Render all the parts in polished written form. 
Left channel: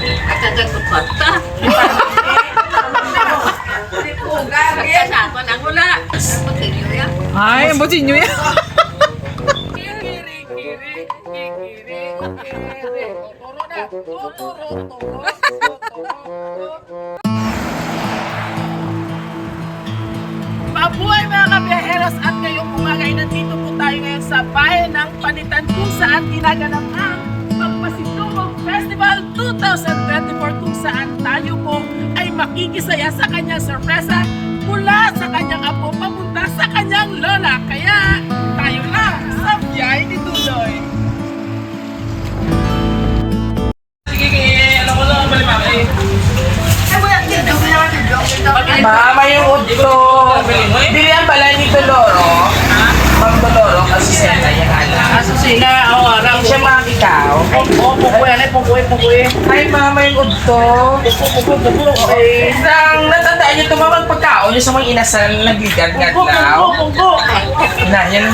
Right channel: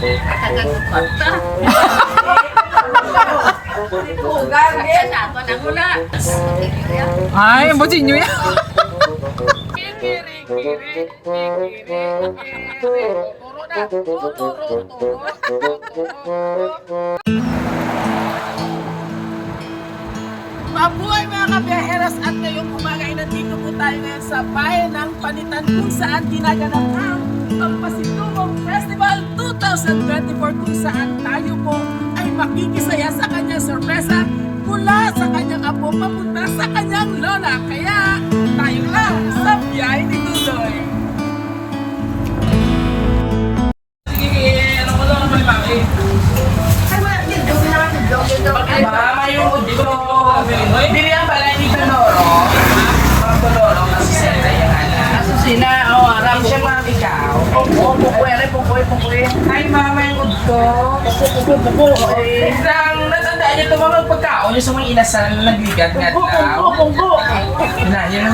Kagagpagpagta. Kasama ng wala. Ay, ang butin nyo yan. Mabuhay mga kabiyaheros, at ngayong umaga ay nandito po tayo ngayon sa bayan ng Panitan kung saan ginaganap ang Pagpasitungog Festival 2024 kung saan tayo po ay makikisaya sa kanyang sorpresa mula sa kanyang apo papunta sa kanyang lola. Kaya tayo lang sa biyahe ni Dudoy. Sige, ano ko lang malipaki? Mama yung dito. Dili ang bala ni Doloro. Ma'am Doloro kasi sila yung Asusina, harap siya makikaw. Pukuy. Ay, mama yung udto. Puku. Okay. Isang natandaan niyo ito mga pagkaon yung sa mga inasal nagligad-gad now. Na, yan.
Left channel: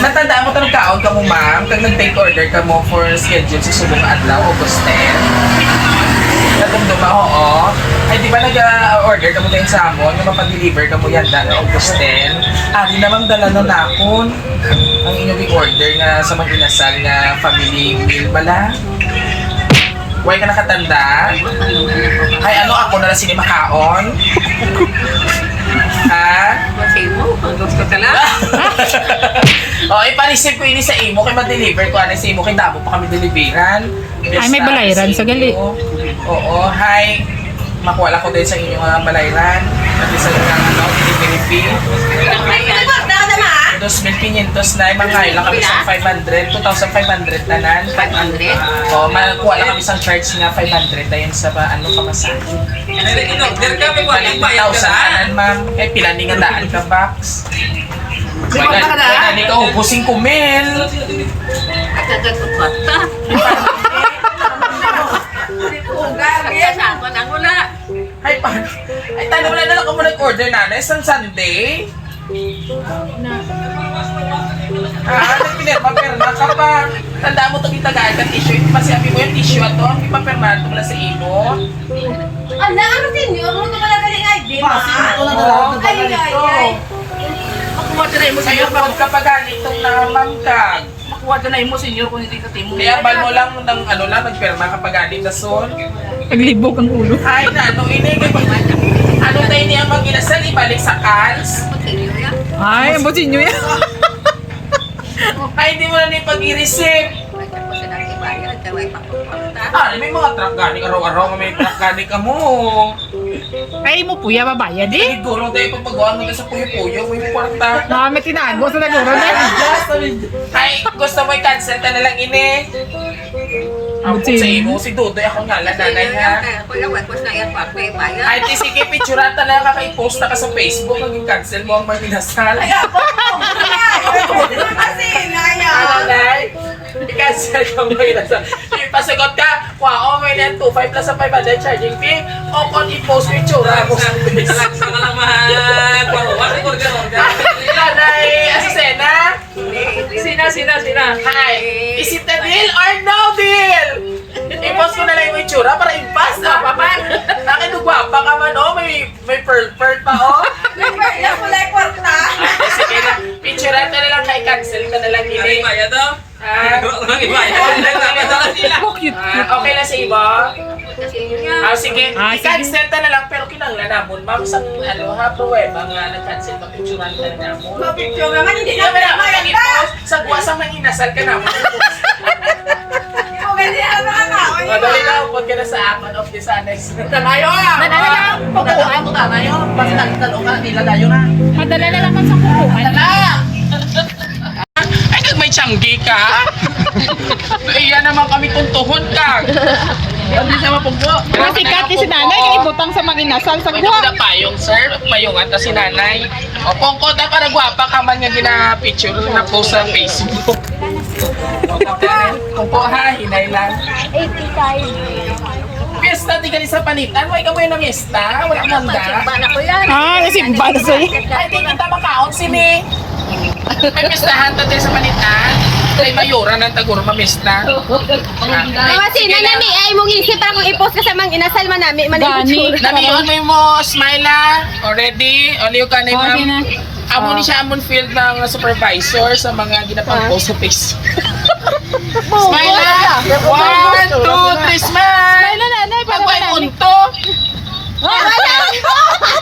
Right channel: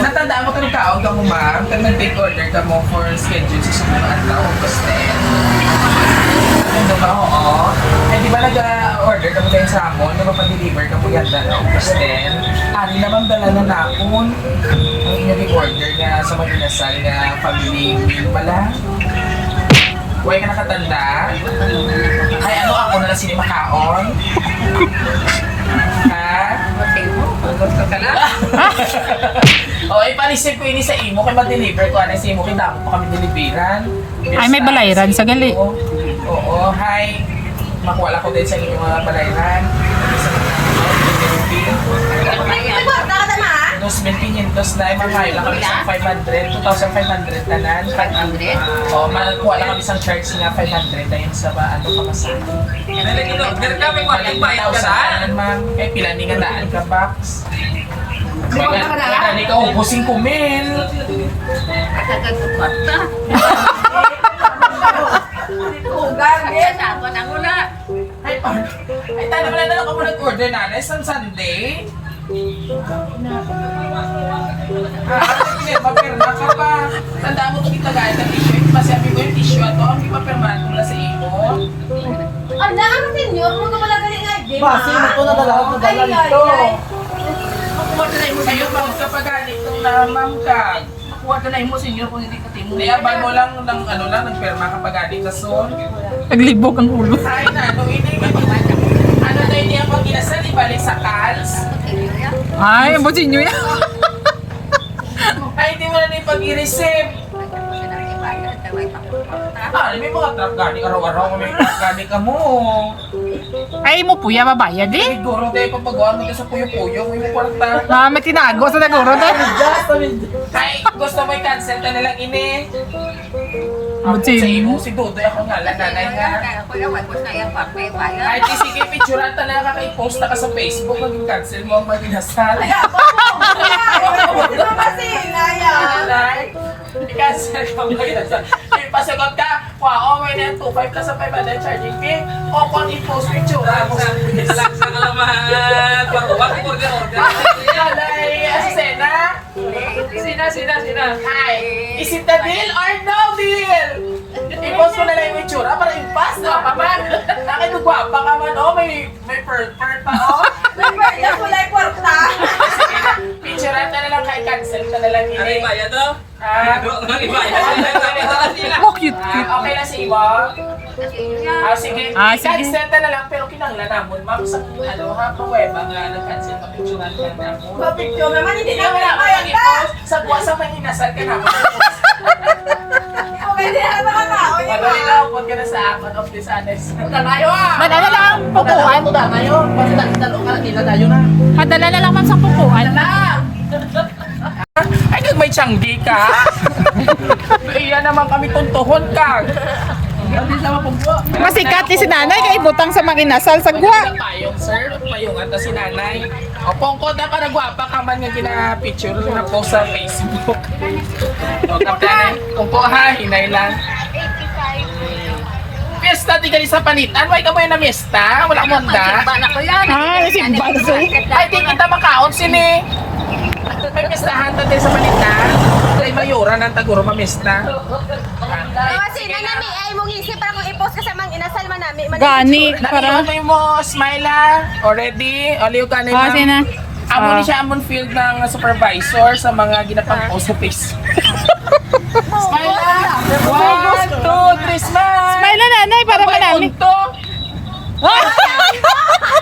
Natandaan mo ito nagkaon ka mo, ma'am. Kag nag-take order ka mo for schedule sa Subong Adlaw, August 10. Nagundong ba, oo. Ay, di ba nag-order ka mo tayo sa amon, yung mapag-deliver ka mo yan na August 10. Ari naman dala na nakon ang inyong i-order nga sa mga inasal nga family meal pala. Huwag ka nakatanda? Ay, ano ako na sini makaon? Ha? Matay mo, gusto ka lang. O, iparisip ko ini sa imo kay ma-deliver ko. Ano sa imo kay damo pa kami deliveran. Ay, may balayran sa gali. Oo, hi. Makuha lang ko din sa inyo mga balayran. Pati sa mga delivery fee. 2,500 na, mga lang kami sa 500, 2,500 tanan. 500? Oo, makuha lang kami sa charge nga 500 na yun sa pamasahe. Balik 1,000 tanan, ma'am. Eh, pila ni nga daan ka, box. Wala ni ka ubusing kumil. Kagagpagpagta. Kasama ng wala. Ay, tanong mo na lang kung nag-order namin sa Sunday. Magperma ka pa. Tandaan mo ito kitagay ka tissue. Masiyapi mo yung tissue ato. Hindi pa perma ito mula sa imo. Ano ninyo? Ano ito pala galing ay din? Basi mo ito na dalawa ito bala nito. Makuha na mo sa iyo. Sa'yo kapag ganitong namamkag. Makuha na mo sa inyo kung hindi ka timo. Kaya ban mo lang ng ano lang, nagperma kapag ganit na son. Naglibog ang ulo. Ay na, ano ini? Ano tayo niyang mag-inasal? Ibalik sa cans? Ay, ang butin nyo yan. Ay, hindi mo na na pag-i-receive. Ah, may mga truck gani araw-araw may truck gani ka mo. Ay, mo puya babayad eh. Siguro tayo papagawa mo sa puyo-puyo, may kwarta. May tinago sa naguro na. Ay, gusto mo i-cancel ka na lang ini. Ako Butin. sa imo, si Dudoy ako nga nanay ha. Ay, di sige, picturean ka na kaka-post na ka sa Facebook, mag-cancel mo ang maginasal. Kasi, naya. Nanay, i-cancel ka ang maginasal. Ipasagot ka, wow, may na 2.5 plus sa 500 charging fee, o kung i-post picture mo sa Facebook. Nanay, Asusena? Sina. Hi! Is it a deal or no deal? I-post ko na lang yung itsura para impas na paman. Nakinugwapa ka man, oh, may pearl pa, oh. Yung kulay porta. Sige na, picturean ka na lang, cancel ka na lang ini. Oh, cute. Okay na sa iba? Sige, Ah, sige. i-cancel ka na lang, pero kinanglan namon. Ma'am, sa pruweba nga, nag-cancel ka, picturean ka na namon. Mapicture naman, hindi Hindi na naman pala naman mayanda. i-post. Sa buwa sa mga inasal ka naman. Okay, di ano na. Madali na, upod ka na sa akin of this annex. Tanayo ah. Madala lang pukuan. Tanayo, basta dahil ka, nila tayo na. Madala na lang man sa pukuan. Ay, may tiyanggi ka? Iya naman kami tuntuhon ka. Hindi siya mapunggo. Masikat ni si nanay kay butang sa mga inasal sa Pwede gwa. na payong, sir. Payong ata si nanay. O, pongko na para gwapa ka man nga gina-picture na post sa Facebook. O, kaptanay. Pongko ha, hinay lang. 85. Fiesta, di ka sa panitan. Why ka mo yun na miesta? Wala mo handa. Ah, nasimba na sa'yo. Ay, di kita makaon sini. May pistahan tayo sa panitan. Ay, mayura ng taguro mamista. Kasi nanami ay mong isip para kung i-post ka sa mga inasal man namin. Gani, Namiyon para. mo smile already. Oliyo ka na yung Okay na. Amo ni siya amon field ng supervisor sa mga ginapang post sa Facebook. Smile na! 1, 2, 3, smile! Smile na nanay, para Pag may manami. unto.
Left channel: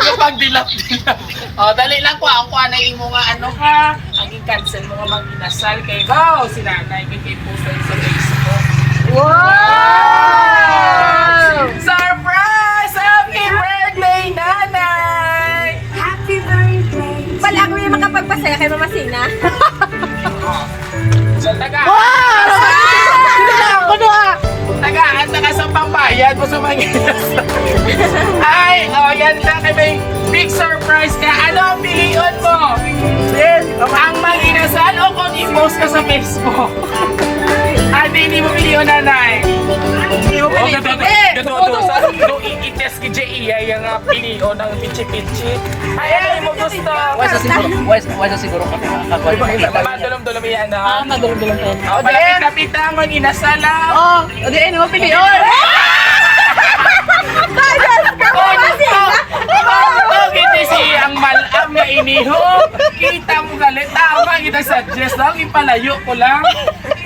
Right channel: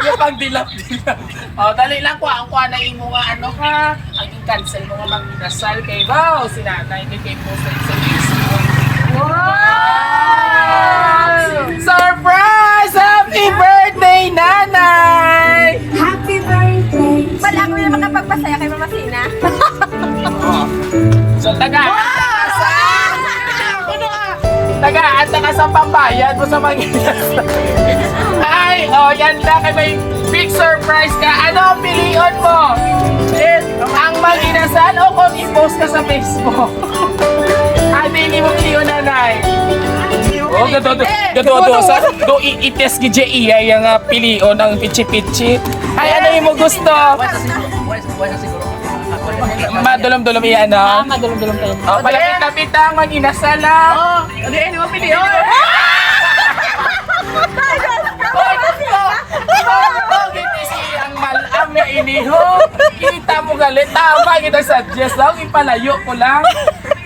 Yung pagdilap-dilap. O, dali lang ko. Ang kuha na imo nga ano ha. Ang i-cancel mo nga manginasal kay Bao. Si nanay kay post sa Facebook. Wow! Surprise! Happy birthday, nanay! Wala ako yung makapagpasaya kay Mama Sina. Tagaan ka sa pambayad mo sa mga Ay, yan lang. May big surprise ka. Ano ang piliin mo? Ang mag-inasal o kung i-post ka sa Facebook? Ate, hindi mo piliin, nanay. Oh, gato. Do i-test ki J.E. yung piliin ng pichi-pichi. Ay, ano yung mo gusto? Wala siguro. Madulom-dulom yan, Ah, no? madulong-dulong pa yun. Oh, malapit-lapit ang mag-inasal lang. Oh, hindi ano mo piliin. Kita si ang malam nga iniho. Kita mo galit. Tama kita suggest lang. Ipalayo ko lang.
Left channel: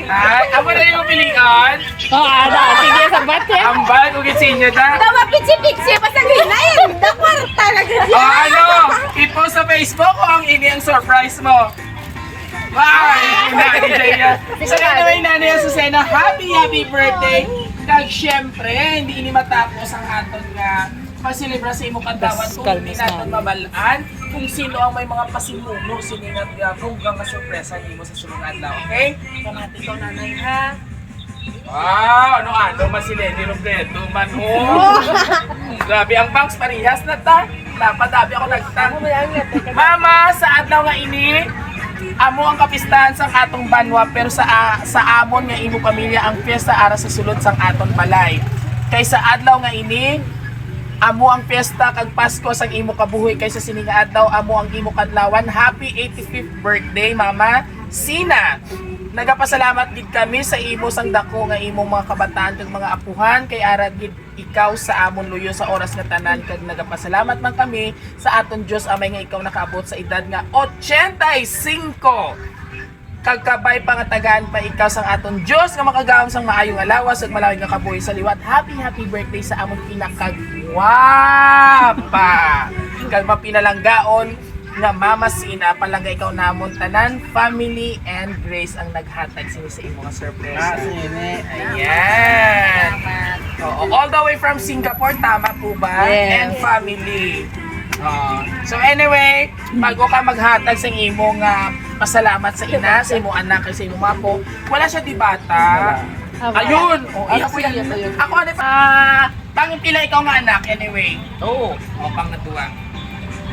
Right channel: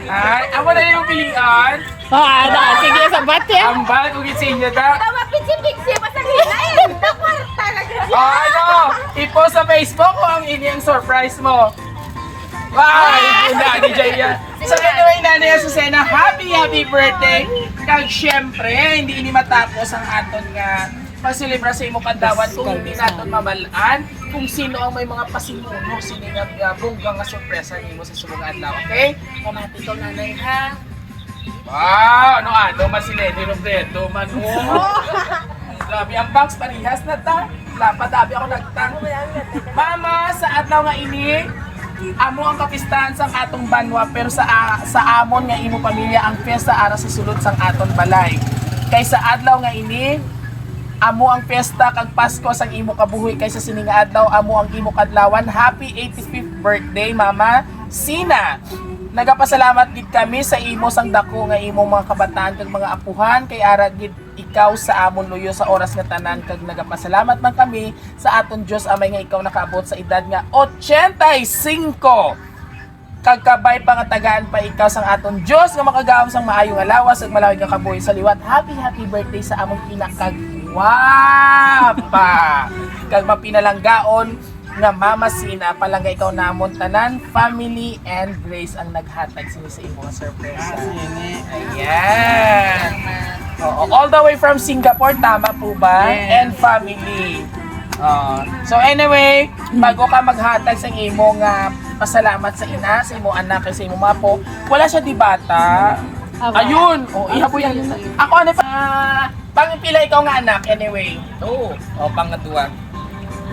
Ay, ako na yung pilihan. Ah, sige, sabat ya. Ang bag, ugit sa inyo da. Dawa pichi-pichi pa sa ginain. Dapat talaga. Ano, i-post sa Facebook ko ang ini ang surprise mo. Wow, ay na ni Jaya. So anyway, Nanay Azucena, happy birthday. Kag syempre, hindi ini matapos ang aton nga pasilibra sa imo kadawat kung hindi natin mabalaan kung sino ang may mga pasimuno siningat bunggang nga sorpresa nimo sa sulong adlaw. Okay? Pamati ko, nanay, ha? Wow, ano man si Lenny Robredo man oh. Grabe ang banks parihas na ta. Dapat ako nagtang. Mama, sa adlaw nga ini, amo ang kapistahan sang atong banwa pero sa amon nga imo pamilya ang piyesta ara sa sulod sang aton balay. Kay sa adlaw nga ini, amo ang piyesta kag Pasko sang imo kabuhi kaysa sini nga adlaw amo ang imo kadlawan. Happy 85th birthday, Mama Sina. Nagapasalamat gid kami sa imo sang dako nga imong mga kabataan kag mga apuhan kay ara gid ikaw sa amon luyo sa oras nga tanan kag nagapasalamat man kami sa aton Dios amay nga ikaw nakaabot sa edad nga 85. Kag kabay pa nga tagaan pa ikaw sang aton Dios nga makagawom sang maayong alawas ug malawig nga kabuhi sa liwat. Happy birthday sa among pinakagwapa kag mapinalanggaon nga Mama Sina. Palangga ikaw namon tanan, family and grace ang naghatag sini sa imo nga sorpresa. Ayan. Oo, all the way from Singapore, tama po ba? And family. So anyway, bago ka maghatag sa imo nga pasalamat sa ina, sa imo anak, sa imo mapo, wala siya di bata. Ayun. Ano po yan? Ako ano pangpila ikaw nga anak anyway. Oo. Pangadua.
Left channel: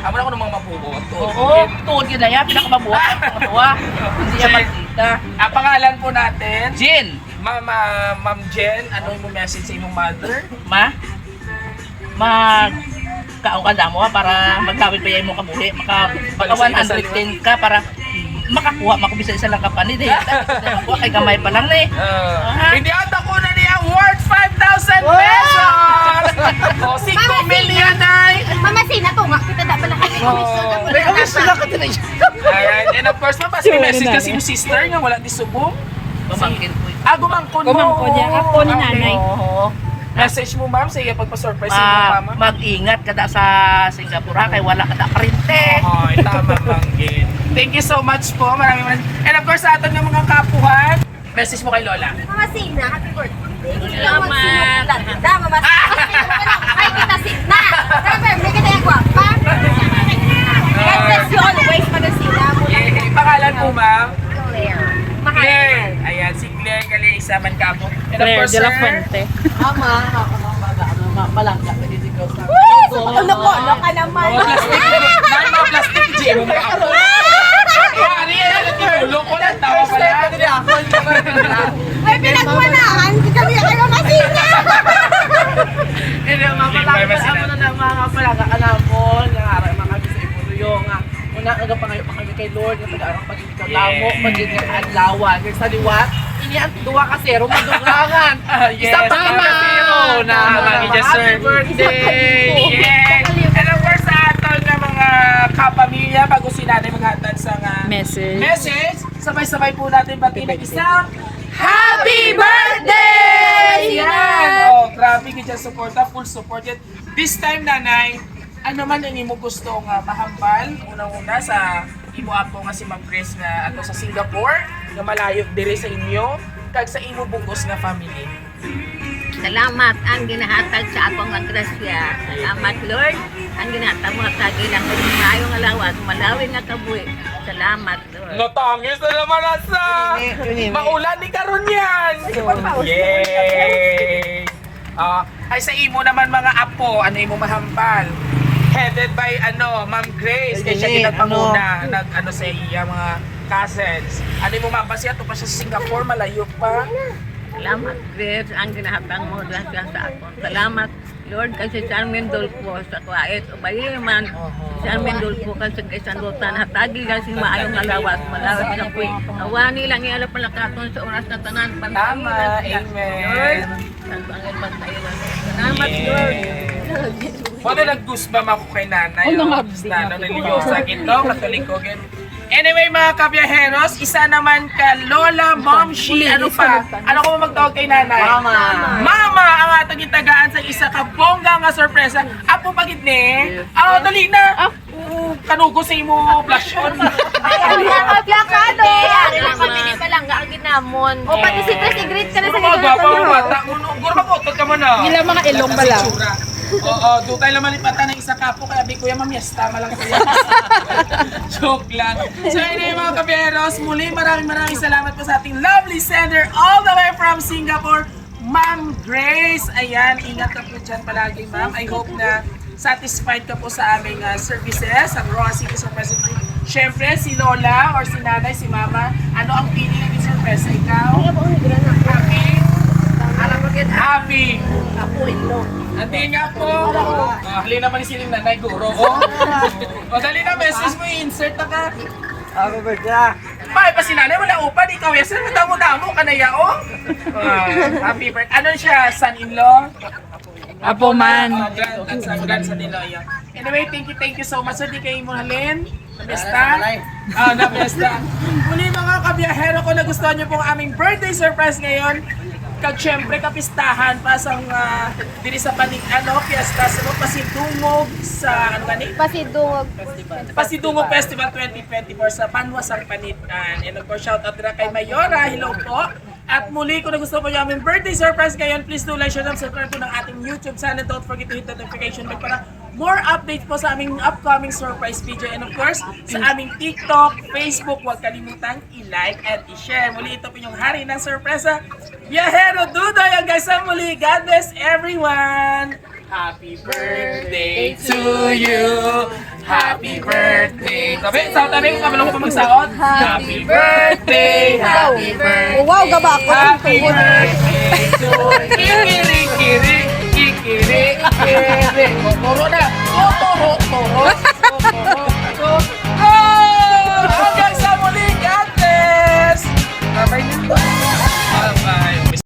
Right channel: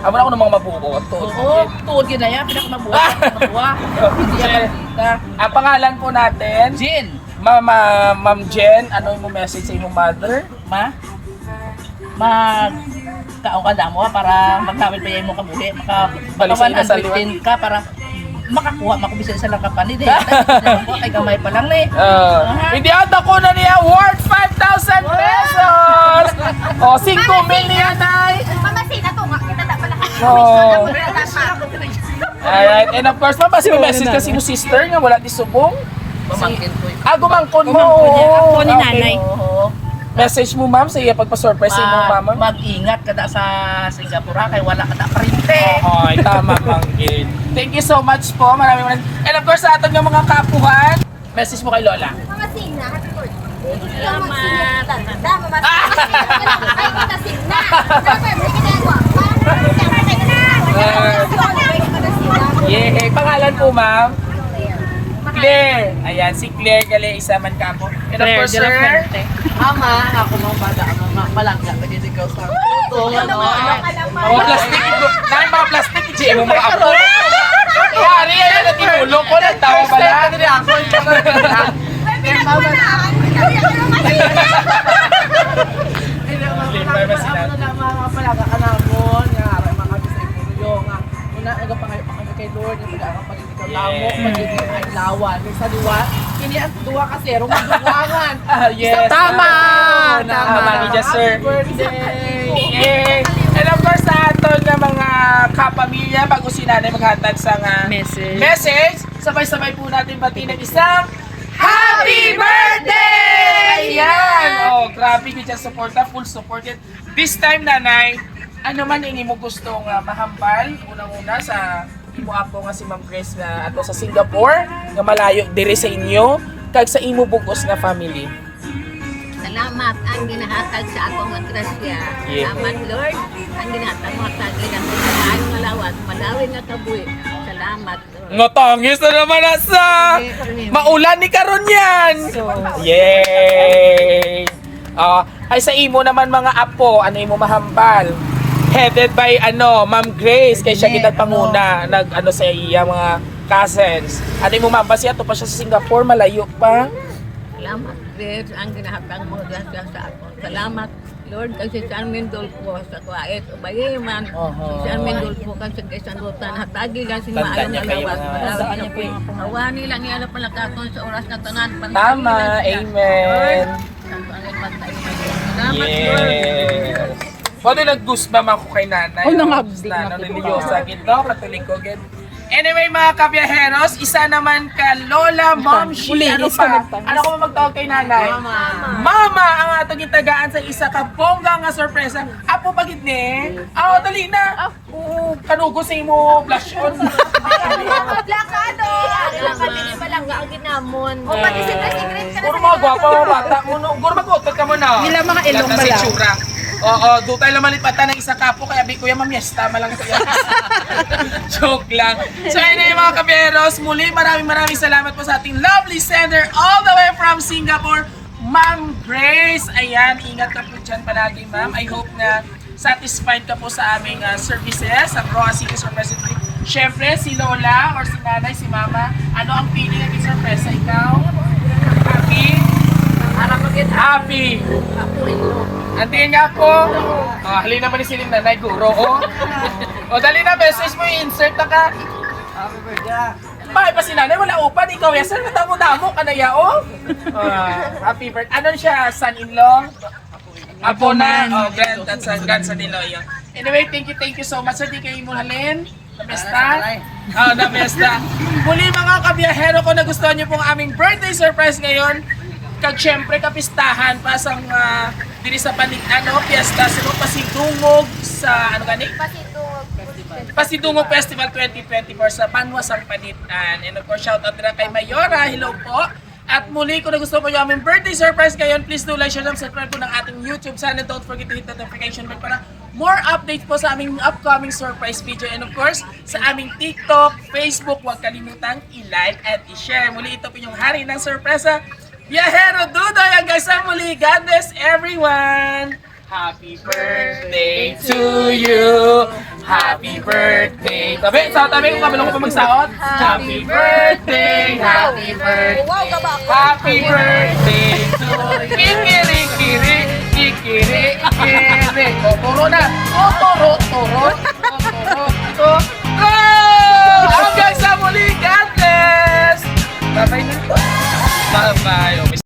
Amo na ako ng mga mabuot. Oo, tuod yun na yan. Pinakamabuhat ka ng matuwa. Hindi yan magdita. Ang pangalan po natin, Jin, Ma'am Jen, ano yung message sa imong mother? magkaungkanda mo para magkawin pa yan mo kabuhi. Maka 110 ka para makakuha makubisa isa lang kapani de. Makuha kay gamay pa lang ni. Hindi ata ko na niya award 5,000 pesos! O, 5 million ay! Mama Sina, tunga. Kita na pala kami. Alright, and of course, mapasok yung message kasi yung sister nga wala di subong. Pamangkin ko yun. Gumangkon mo. Gumangkon niya. Ako ni nanay. Oo. Message mo ma'am sa iya pagpa-surprise sa mama. Mag-ingat kada sa Singapore ha, kay wala kada parinte. Ay, tama lang din. Thank you so much po. Maraming. And of course, sa aton nga mga kapuhan, message mo kay Lola. Mama Sina, happy birthday. Salamat. Mama Sina. Ay, kita Sina. Remember, kita yung guwapa. God bless you always, Mama Sina. Yeah, pangalan po ma'am. Claire. Claire. Ayan, si Claire Gali, isa man ka po. And of Claire course, de la sir, Fuente. Ama, ako nung bata, malangga, nagdidikaw sa puto. Ano mo, ano ka naman? Dahil mga plastic, GM mo mga ako. Ano yan, natimulo ko, nagtawa ba na? May pinagmanaan. Kami ang Mama Sina. Hindi, mamalangga pa ako na mga palaga ka na mo, nga mga kami sa Ipuruyo, nga una, nagapangayo pa kami kay Lord nga taga pag ikaw namo magiging adlawan sa liwat ini ang duha ka zero madugangan. Yes. Isang Tama. Tama. Yes, sir. Happy birthday. Yeah. And of course sa aton nga mga kapamilya bago si nanay maghatag sa nga message, sabay-sabay po natin bati ng isang Happy Birthday! Yan! Oh, grabe ka dyan support, full support yan. This time, nanay, ano man yung imo gusto nga mahambal, unang-una sa imo apo nga si Ma'am Grace nga ato sa Singapore, nga malayo diri sa inyo, kag sa imo bugos nga family. Salamat ang ginahatag sa akong mga grasya. Salamat Lord. Ang ginahatag mga tagay lang ko sa maayong alawas, malawin nga kabuhi. Salamat Lord. Ngatangis na naman asa! Maulan ni karon yan! Yay! Ay sa imo naman mga apo, ano imo mahambal? Headed by Ma'am Grace, kay siya ginagpanguna, sa iya mga cousins. Ano imo mahambal siya? Ito pa siya sa Singapore, malayo pa. Salamat Grace ang ginahatag mga grasya sa akong. Salamat Lord kasi sa amin dulpo sa kuwait. Ubayi man si amin dulpo kasi sa sandutan. Hatagi lang sing maayong alawas. Malawat na po. Awani lang iala palakaton sa oras na tanan. Pantayin Tama, lang siya. amen. Lord, Santo Angel Bantayin na siya. Salamat Lord. Ano nag-goosebump ako kay nanay? Na religyosa gito, katoliko gid. Anyway mga kabiyaheros, isa naman ka Lola Momshi. Ano pa? Ano ko magtawag kay nanay? Mama ang atong gitagaan sa isa ka bongga nga sorpresa. Apo pagit ni? Dali na. Kanugo sa imo blush on. Ari lang kami ni Balangga ang ginamon. O pati si Sigrid ka na Guro mga gwapa mo bata mo. Guro mag-utot ka mo na. Ilang mga ilong ba lang? Oo, doon tayo naman lipatan ng isa kapo kaya bi kuya mamiesta malang kaya. Joke lang. So anyway mga kaberos, muli maraming salamat po sa ating lovely sender all the way from Singapore, Ma'am Grace. Ayan, ingat ka po dyan palagi ma'am. I hope na satisfied ka po sa aming services, ang Roa City Surprise Week. Siyempre, si Lola or si Nanay, si Mama, ano ang feeling ng surpresa? Ikaw? Happy? Happy! Antiin nga po. Halina naman ni siling nanay, guro. Dali na, message mo i-insert na ka. Happy birthday. Bakit pa si nanay, wala upan, ikaw yasan, matamo-damo ka na yao. Happy birthday. Ano siya, son-in-law? Apo man. Grandson-in-law yun. Anyway, thank you so much. So, di kayo mo halin. Namesta? Namesta. Muli mga kabiyahero, kung nagustuhan niyo pong aming birthday surprise ngayon, kag syempre kapistahan pa sa diri sa fiesta sa Pasidungog sa Pasidungog Festival 2024 sa Banwasang Panitan. And of course, shout out na kay Mayora. Hello po. At muli, kung gusto po yung aming birthday surprise ngayon, please do like, share, and subscribe po ng ating YouTube channel. Don't forget to hit the notification bell para more updates po sa aming upcoming surprise video. And of course, sa aming TikTok, Facebook, huwag kalimutang i-like at i-share. Muli, ito po yung hari ng sorpresa. Biyahero Dudoy ang guys sa muli. God bless everyone! Happy birthday to you! Happy birthday! Tabi kung kabilong ko pa magsaot. Happy birthday! Happy birthday! Wow, gaba ako. Happy birthday to Kikiri, kiri, kikiri, kiri.